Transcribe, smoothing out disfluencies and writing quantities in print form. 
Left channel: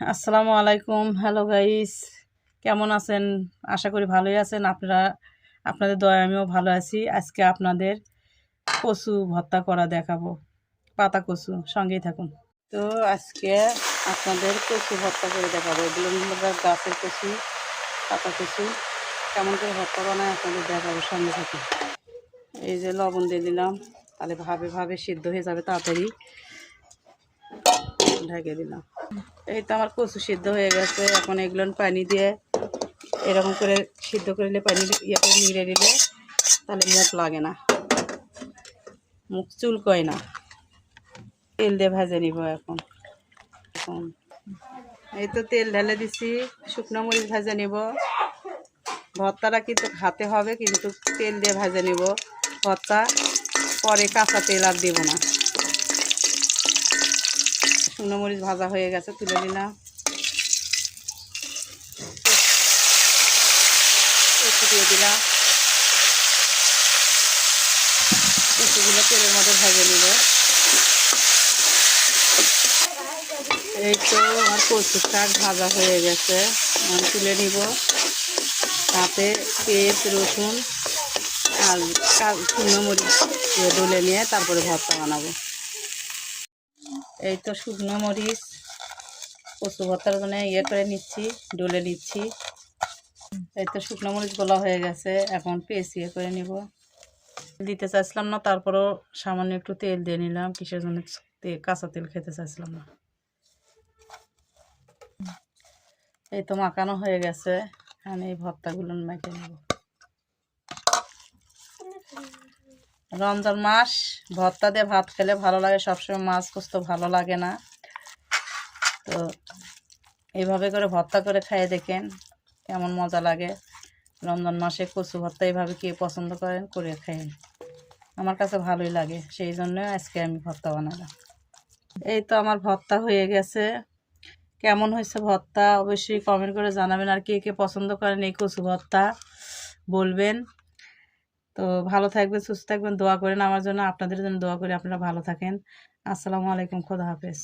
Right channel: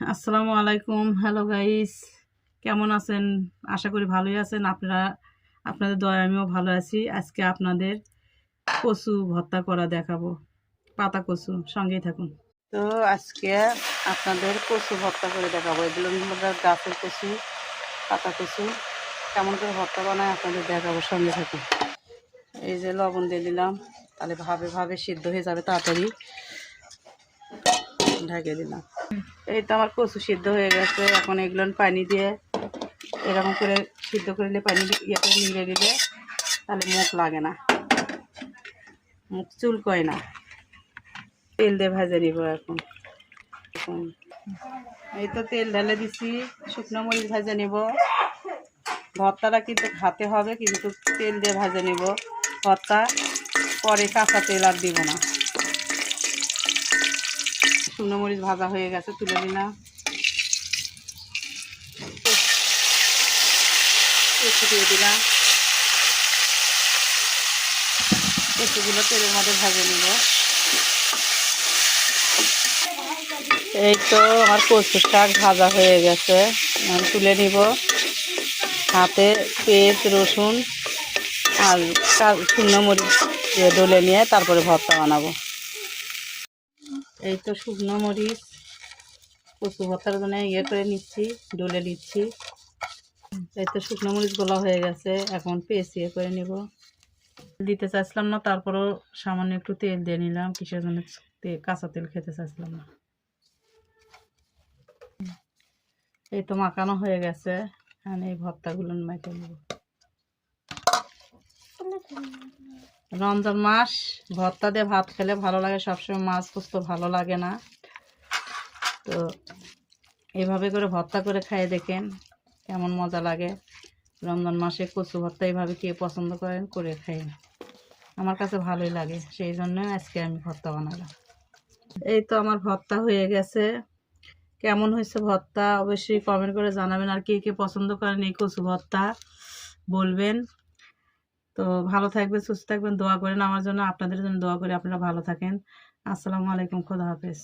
আসসালামু আলাইকুম। Hello guys, কেমন আছেন? আশা করি ভালোই আছেন। আপনাদের দয়ায় আমিও ভালো আছি। আজকে আপনাদের কচু ভর্তা করা দেখাবো, পাতা কচু। সঙ্গেই থাকুন। তো আজকে আপনাদের কচু ভর্তা করে দেখাবো। এগুলো গাছের কচু, পাতা কচু কেমন করে ভর্তা বানায় আপনাদের দেখাবো। সঙ্গে থাকুন। এই যে লবণ দিয়ে দিলাম, তাহলে ভাবে সিদ্ধ হয়ে যাবে তাড়াতাড়ি। ঢেকে দিলাম। এই তো আমার কচু সিদ্ধ হয়ে গেছে। এখন এগুলো পানি দিয়ে এরকম করে সিদ্ধ করে নিলে, পানি ইয়েতে নিড়ে দিলে তাহলে মুখ লাগে না, মুখ চুলকয় না। তেল দিয়ে ভাজে নিব এখন। এই তো তেল ঢেলে দিছি, শুকনো মরিচ ভাজে নিব। ভর্তাটা কিন্তু হাতে হবে, কিন্তু তেল দিয়ে ভাজে নিব ভর্তা। পরে কাঁচা তেল আর দেবো না। শুকনো মরিচ ভাজা হয়ে গেছে, তুলে দিলাম। একটু দিয়ে দিলাম। কচুগুলো তেলের মধ্যে ভাজে নিব। এই তো আমার কচু শাক ভাজা হয়ে গেছে, তুলে নিব। হাতে পেঁয়াজ, রসুন আর শুকনো মরিচ দিয়ে ডলে নিয়ে তারপরে ভর্তা বানাবো। এই তো শুকনো মরিচ কচু ভর্তার জন্য করে নিচ্ছি, ডলে নিচ্ছি। এই তো শুকনো মরিচগুলো হয়ে গেছে, এখন পেঁয়াজ করে নিব। দিতে চাইছিলাম না, তারপরও সামান্য একটু তেল দিয়ে নিলাম। কিসের জন্য কাঁচা তেল খেতে চাইছিলাম না। এই তো মাখানো হয়ে গেছে, এখন এই ভর্তাগুলো মেখে নেব। রমজান মাস, ভর্তা দিয়ে ভাত খেলে ভালো লাগে। সবসময় মাছ কষ্ট ভালো লাগে না। তো এইভাবে করে ভর্তা করে খাইয়ে দেখেন কেমন মজা লাগে। রমজান মাসে কচু ভর্তা এইভাবে কে পছন্দ করেন, করে খাইয়েন। আমার কাছে ভালোই লাগে, সেই জন্য আজকে আমি ভর্তা বানালাম। এই তো আমার ভর্তা হয়ে গেছে। কেমন হয়েছে ভর্তা অবশ্যই কমেন্ট করে জানাবেন। আর কে কে পছন্দ করেন এই কচু ভর্তা বলবেন। তো ভালো থাকবেন, সুস্থ থাকবেন, দোয়া করেন আমার জন্য। আপনাদের জন্য দোয়া করি আপনারা ভালো থাকেন। আসসালামু আলাইকুম, খোদা হাফেজ।